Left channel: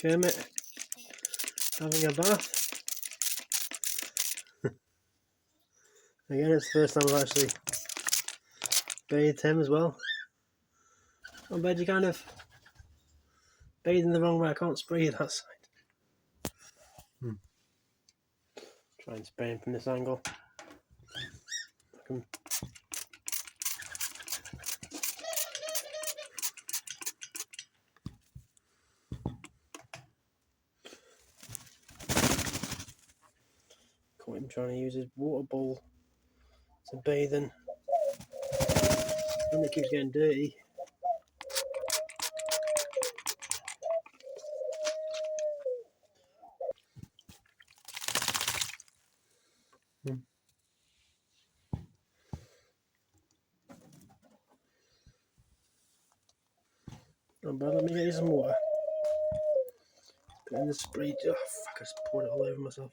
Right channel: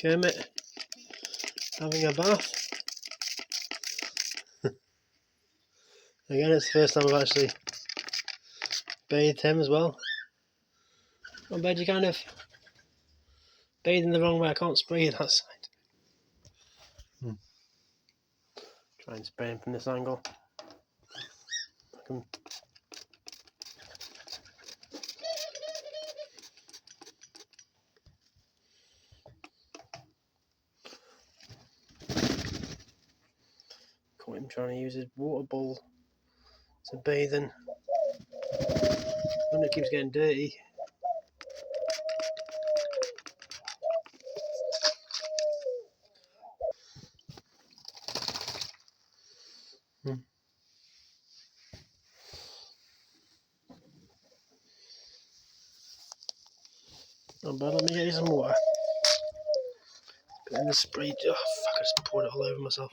Kermit having a bath. Again, it's the first time I've actually bathed him as well. I bet you kind of bathing the wrong way. I can't spray you that side. Try and spray him from this angle. I can... Caught him trying to use his water bowl to bathe in. And it keeps getting dirty. Oh, but let me get you some water. Put in the spray. Oh, fuck, I just poured it all over myself.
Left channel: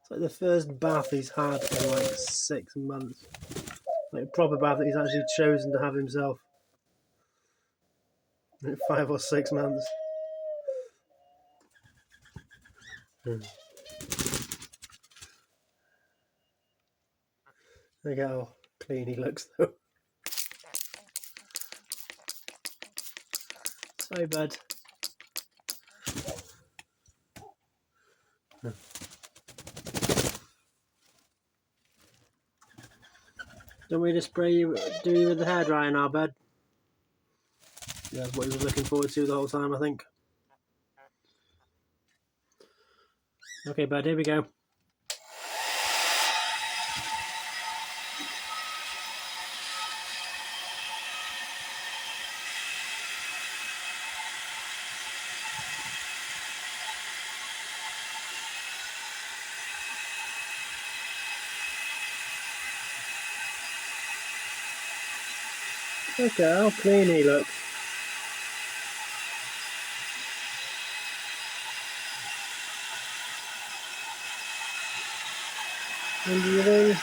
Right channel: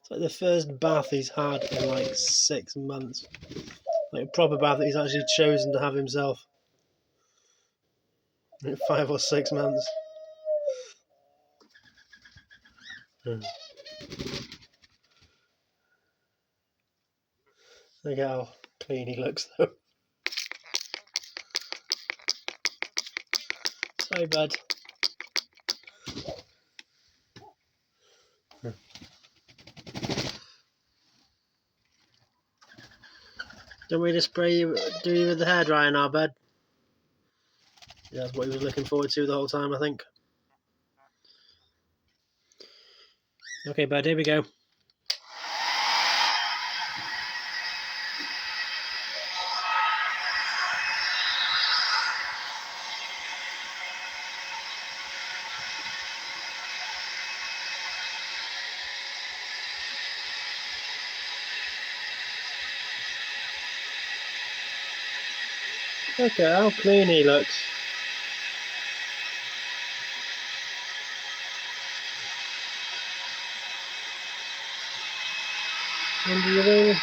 It's like the first bath he's had in like 6 months. Like a proper bath that he's actually chosen to have himself. In 5 or 6 months. Look how clean he looks though. Sorry, bud. Don't we just spray you, do you with the hairdryer now, bud? Yeah, that's what he was looking forward to the whole time, I think. Okay, bud, here we go. Look at how clean he looks. Under your wing.